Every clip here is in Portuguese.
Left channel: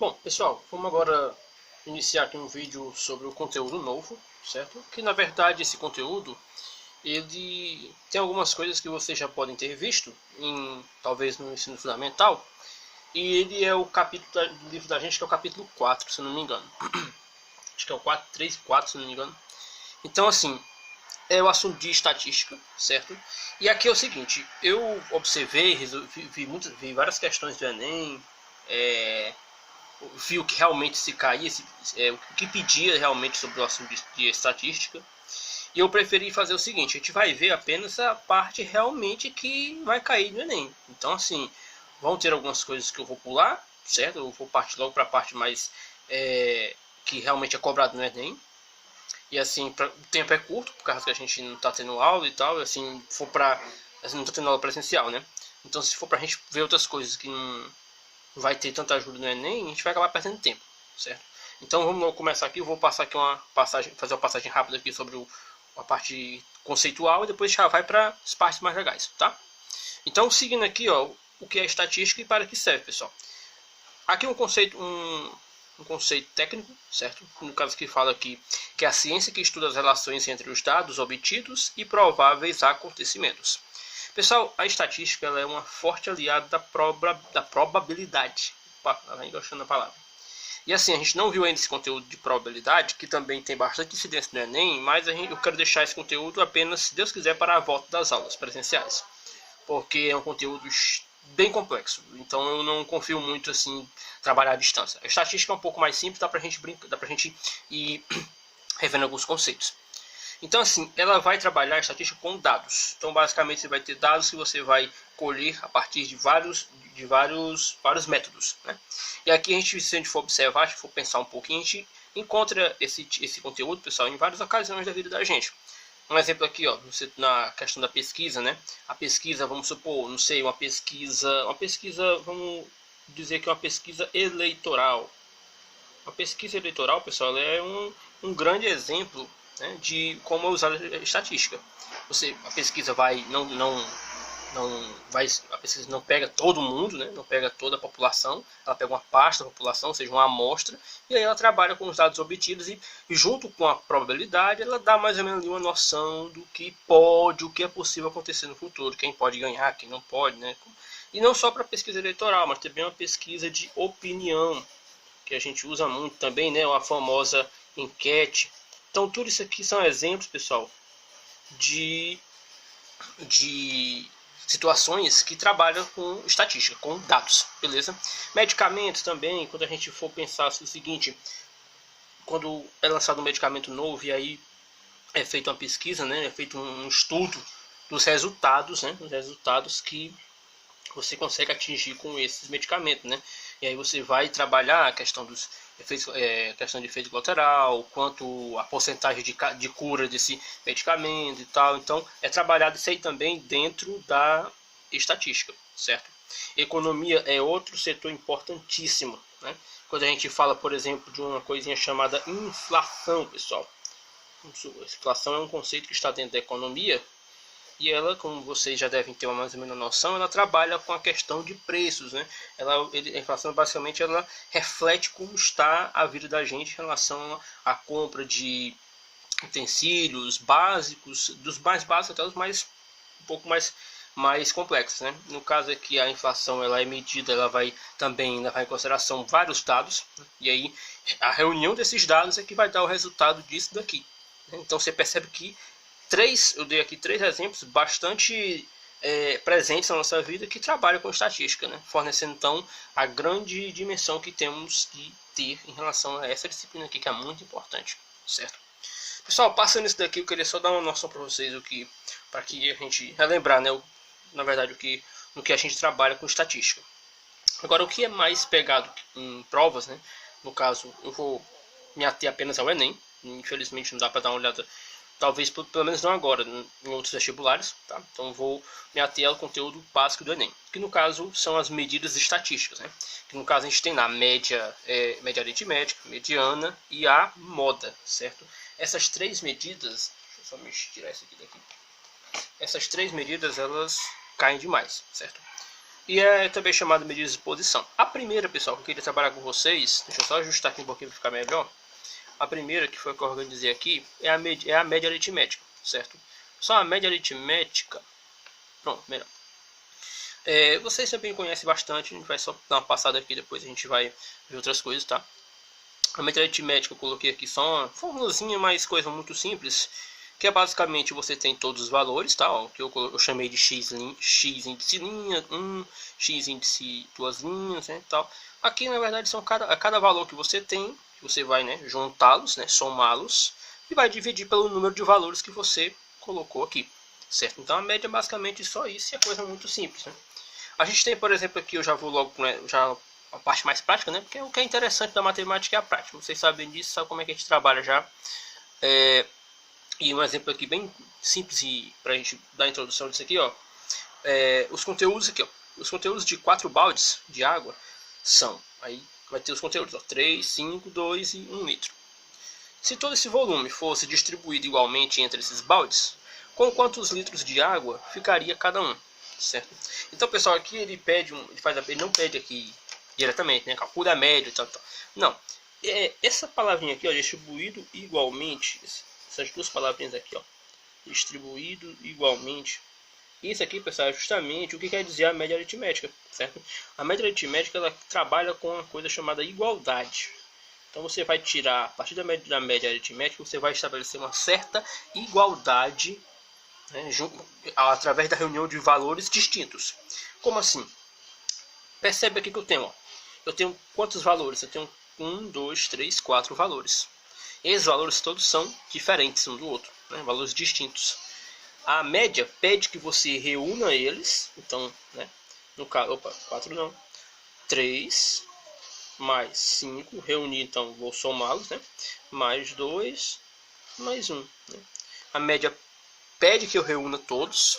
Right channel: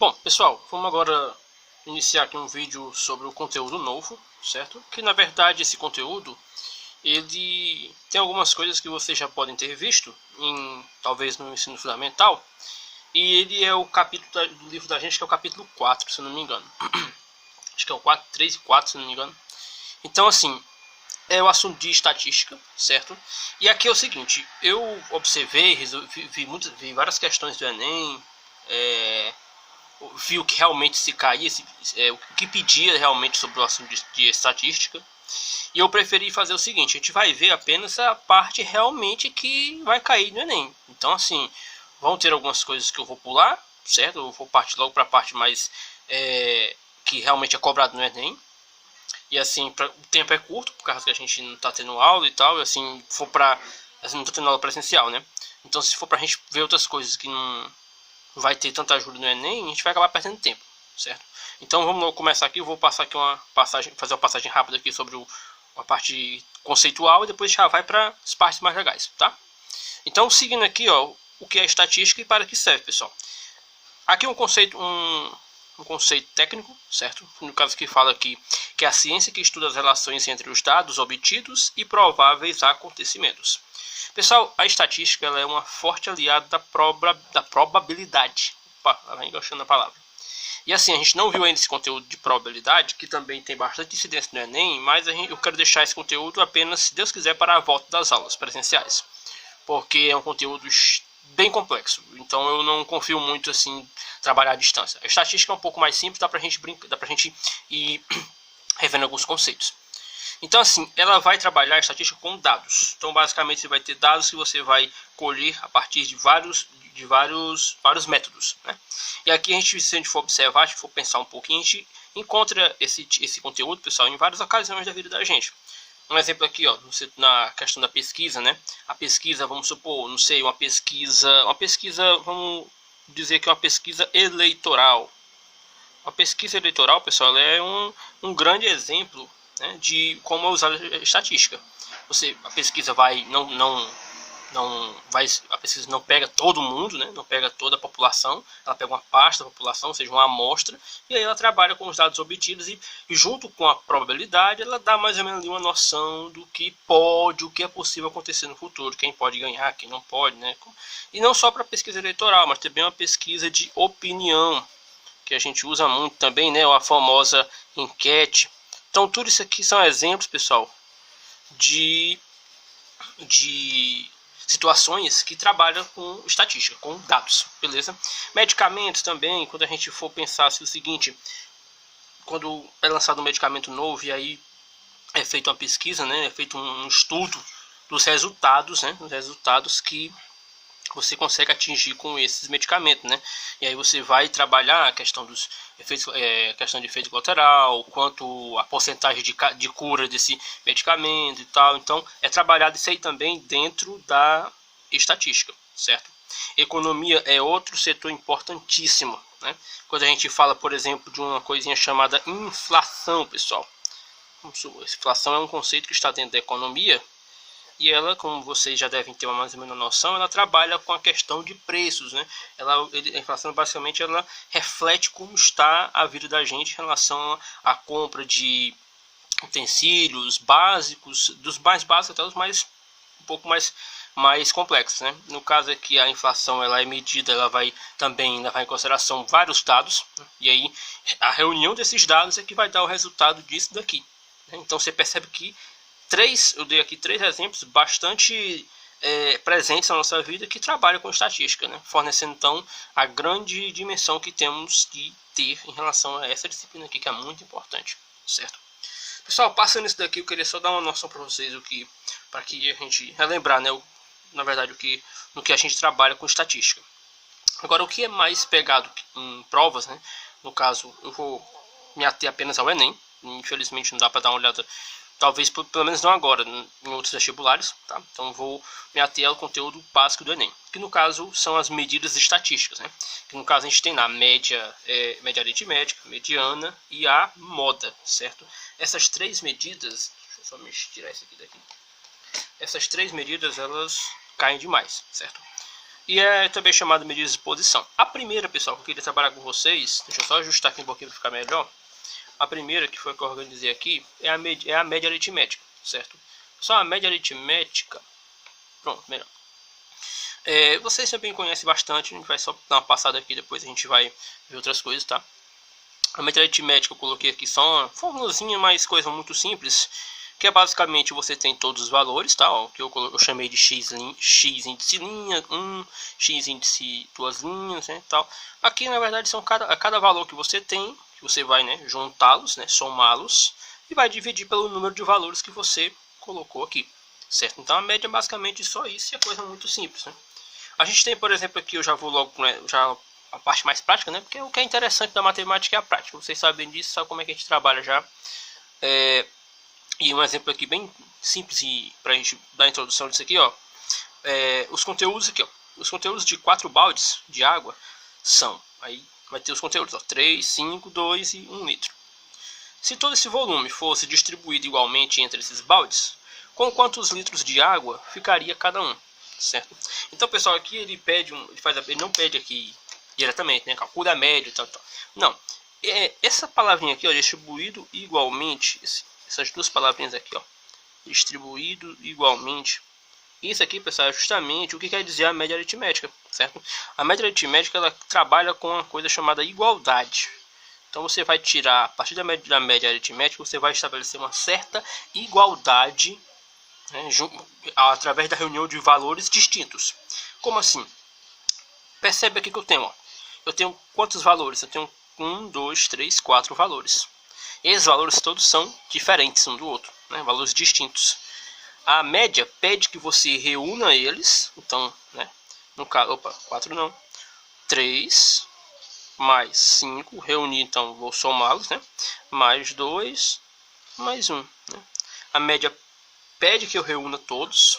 Bom, pessoal, vamos agora iniciar aqui um vídeo sobre o conteúdo novo, certo? Que na verdade esse conteúdo, ele tem algumas coisas que vocês já podem ter visto, talvez no ensino fundamental, e ele é o capítulo do livro da gente, que é o capítulo 4, se eu não me engano. Acho que é o 4, 3 e 4, se eu não me engano. Então, assim, é o assunto de estatística, certo? E aqui é o seguinte, eu observei, vi várias questões do Enem, vi o que realmente se caía, o que pedia realmente sobre o assunto de estatística. E eu preferi fazer o seguinte, a gente vai ver apenas a parte realmente que vai cair no Enem. Então, assim, vão ter algumas coisas que eu vou pular, certo? Eu vou partir logo para a parte mais que realmente é cobrado no Enem. E assim, o tempo é curto, por causa que a gente não está tendo aula e tal, e assim, não está tendo aula presencial, né? Então, se for para a gente ver outras coisas que não vai ter tanta ajuda no Enem, a gente vai acabar perdendo tempo, certo? Então vamos começar aqui, eu vou passar aqui fazer uma passagem rápida aqui sobre a parte conceitual e depois já vai para as partes mais legais, tá? Então seguindo aqui, ó, o que é estatística e para que serve, pessoal. Aqui um conceito técnico, certo? No caso que fala aqui que é a ciência que estuda as relações entre os dados obtidos e prováveis acontecimentos. Pessoal, a estatística ela é uma forte aliada da probabilidade. Opa, ela vai enganchando a palavra. E assim, a gente não viu ainda esse conteúdo de probabilidade, que também tem bastante incidência no Enem, mas eu quero deixar esse conteúdo apenas, se Deus quiser, para a volta das aulas presenciais. Porque é um conteúdo bem complexo, então eu não confio muito assim trabalhar à distância. A estatística é um pouco mais simples, dá pra gente ir revendo alguns conceitos. Então, assim, ela vai trabalhar a estatística com dados. Então, basicamente, você vai ter dados que você vai colher a partir de vários métodos, né? E aqui, se a gente for observar, se for pensar um pouquinho, a gente encontra esse conteúdo, pessoal, em várias ocasiões da vida da gente. Um exemplo aqui, ó, na questão da pesquisa, né? A pesquisa, vamos supor, não sei, uma pesquisa, vamos dizer que é uma pesquisa eleitoral. A pesquisa eleitoral, pessoal, ela é um grande exemplo, né, de como é usada a estatística. A pesquisa a pesquisa não pega todo mundo, né, não pega toda a população, ela pega uma parte da população, ou seja, uma amostra, e aí ela trabalha com os dados obtidos e junto com a probabilidade, ela dá mais ou menos uma noção do que o que é possível acontecer no futuro, quem pode ganhar, quem não pode, né? E não só para pesquisa eleitoral, mas também uma pesquisa de opinião, que a gente usa muito também, né, a famosa enquete. Então tudo isso aqui são exemplos, pessoal, de situações que trabalham com estatística, com dados, beleza? Medicamentos também, quando a gente for pensar o seguinte, quando é lançado um medicamento novo e aí é feita uma pesquisa, né, é feito um estudo dos resultados, né, dos resultados que você consegue atingir com esses medicamentos, né? E aí você vai trabalhar a questão dos efeitos, questão de efeito colateral, quanto a porcentagem de cura desse medicamento e tal. Então é trabalhado isso aí também dentro da estatística, certo? Economia é outro setor importantíssimo, né? Quando a gente fala, por exemplo, de uma coisinha chamada inflação, pessoal. Inflação é um conceito que está dentro da economia. E ela, como vocês já devem ter mais ou menos noção, ela trabalha com a questão de preços, né? A inflação basicamente ela reflete como está a vida da gente em relação à compra de utensílios básicos, dos mais básicos até os um pouco mais complexos, né? No caso aqui a inflação ela é medida, ela vai também levar em consideração vários dados, né? E aí a reunião desses dados é que vai dar o resultado disso daqui, né? Então você percebe que eu dei aqui 3 exemplos bastante presentes na nossa vida que trabalham com estatística, né? Fornecendo então a grande dimensão que temos que ter em relação a essa disciplina aqui, que é muito importante, certo? Pessoal, passando isso daqui, eu queria só dar uma noção para vocês para que a gente relembrar, né? Na verdade, no que a gente trabalha com estatística. Agora, o que é mais pegado em provas, né? No caso, eu vou me ater apenas ao Enem. Infelizmente, não dá para dar uma olhada. Talvez, pelo menos não agora, em outros vestibulares, tá? Então vou me ater ao conteúdo básico do Enem, que no caso são as medidas estatísticas, né? Que no caso a gente tem na média aritmética, mediana e a moda, certo? Essas 3 medidas, deixa eu só me tirar isso aqui daqui. Essas 3 medidas, elas caem demais, certo? e é também chamado de medida de exposição. A primeira, pessoal, que eu queria trabalhar com vocês, deixa eu só ajustar aqui um pouquinho para ficar melhor. A primeira, que foi a que eu organizei aqui, é a média aritmética, certo? Só a média aritmética, pronto, melhor. Vocês também conhecem bastante, a gente vai só dar uma passada aqui, depois a gente vai ver outras coisas, tá? A média aritmética eu coloquei aqui só uma formulazinha, mas coisa muito simples, que é basicamente você tem todos os valores, tá? Ó, que eu chamei de x índice linha, x índice duas linhas, né, tal. Aqui na verdade são cada valor que você tem, que você vai, né, juntá-los, né, somá-los e vai dividir pelo número de valores que você colocou aqui, certo? Então a média é basicamente só isso, e é coisa muito simples, né? A gente tem, por exemplo, aqui eu já vou logo, né, já a parte mais prática, né? Porque o que é interessante da matemática é a prática. Vocês sabem disso, sabem como é que a gente trabalha já. E um exemplo aqui bem simples para a gente dar a introdução disso aqui, ó. Os conteúdos aqui, ó. Os conteúdos de 4 baldes de água são, aí vai ter os conteúdos, ó, 3, 5, 2 e 1 litro. Se todo esse volume fosse distribuído igualmente entre esses baldes, com quantos litros de água ficaria cada um, certo? Então, pessoal, aqui ele não pede aqui diretamente, né? Calcula a média, tal. Não. Essa palavrinha aqui, ó, distribuído igualmente, essas duas palavrinhas aqui, ó, distribuído igualmente. Isso aqui, pessoal, é justamente o que quer dizer a média aritmética, certo? A média aritmética, ela trabalha com uma coisa chamada igualdade. Então você vai tirar, a partir da média aritmética, você vai estabelecer uma certa igualdade, né, através da reunião de valores distintos. Como assim? Percebe aqui que eu tenho, ó. Eu tenho quantos valores? Eu tenho 1, 2, 3, 4 valores. Esses valores todos são diferentes um do outro, né? Valores distintos. A média pede que você reúna eles. Então, né? No caso, 4 não. 3 mais 5. Reunir, então, vou somá-los, né? Mais 2, mais 1. Né? A média pede que eu reúna todos.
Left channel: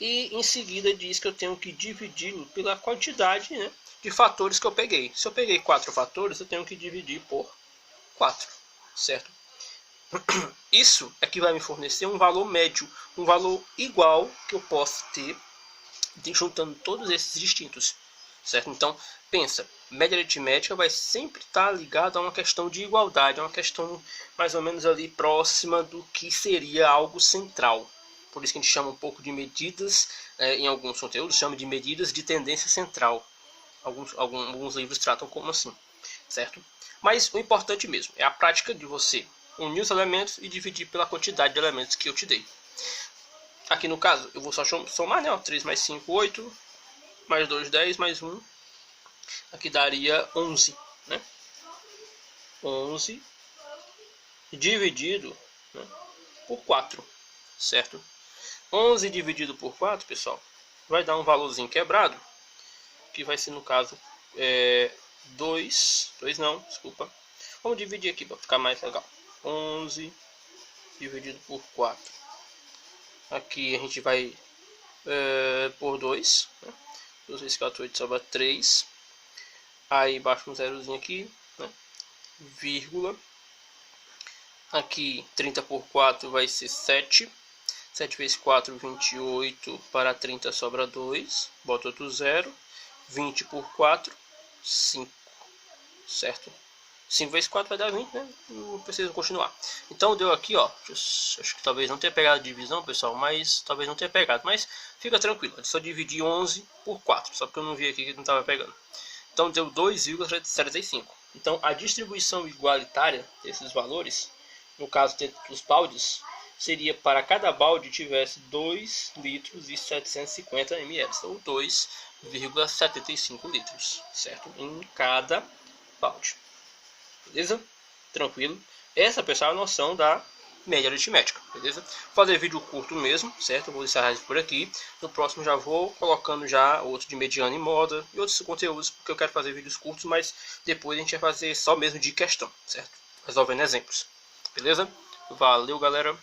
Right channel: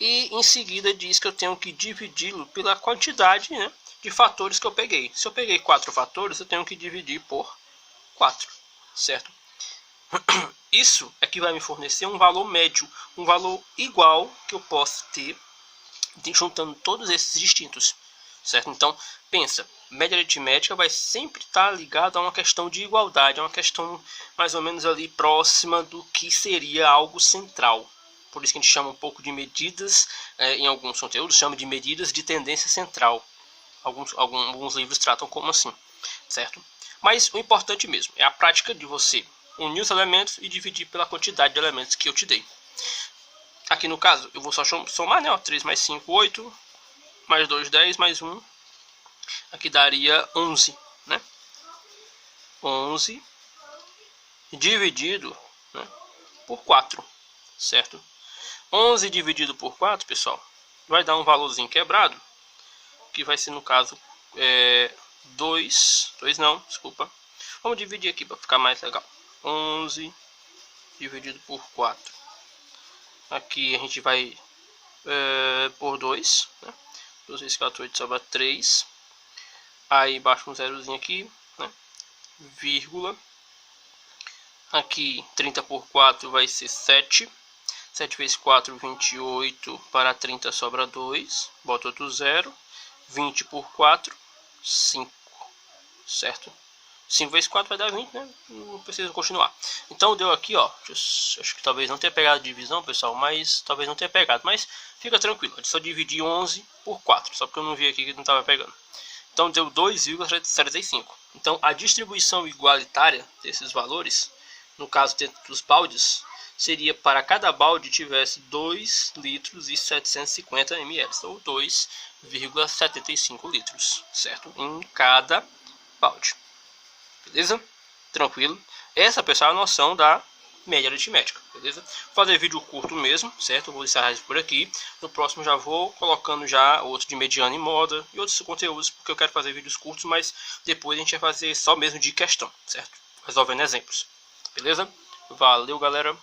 E em seguida diz que eu tenho que dividi-lo pela quantidade, né, de fatores que eu peguei. Se eu peguei 4 fatores, eu tenho que dividir por 4, certo? Isso é que vai me fornecer um valor médio, um valor igual que eu posso ter juntando todos esses distintos, certo? Então, pensa, média aritmética vai sempre estar ligada a uma questão de igualdade, a uma questão mais ou menos ali próxima do que seria algo central. Por isso que a gente chama um pouco de medidas, em alguns conteúdos, chama de medidas de tendência central. Alguns livros tratam como assim, certo? Mas o importante mesmo é a prática de você unir os elementos e dividir pela quantidade de elementos que eu te dei. Aqui no caso, eu vou só somar, né? 3 mais 5, 8, mais 2, 10, mais 1. Aqui daria 11, né? 11 dividido, né, por 4, certo? 11 dividido por 4, pessoal, vai dar um valorzinho quebrado, que vai ser, no caso, 2 não, desculpa. Vamos dividir aqui para ficar mais legal. 11 dividido por 4. Aqui a gente vai por 2, né? 2 vezes 4, 8, sobra 3. Aí baixa um zerozinho aqui, né? Vírgula. Aqui 30 por 4 vai ser 7. 7 vezes 4, 28, para 30 sobra 2, bota outro 0, 20 por 4, 5, certo? 5 vezes 4 vai dar 20, né? Não precisa continuar. Então deu aqui, ó, acho que talvez não tenha pegado a divisão, pessoal, mas talvez não tenha pegado, mas fica tranquilo, eu só dividi 11 por 4, só porque eu não vi aqui que não estava pegando. Então deu 2,75. Então a distribuição igualitária desses valores, no caso dentro dos baldes, seria para cada balde tivesse 2 litros e 750 ml, ou 2,75 litros, certo? Em cada balde. Beleza? Tranquilo? Essa, pessoal, é a noção da média aritmética, beleza? Vou fazer vídeo curto mesmo, certo? Eu vou encerrar isso por aqui. No próximo já vou colocando já outro de mediana e moda e outros conteúdos, porque eu quero fazer vídeos curtos, mas depois a gente vai fazer só mesmo de questão, certo? Resolvendo exemplos. Beleza? Valeu, galera!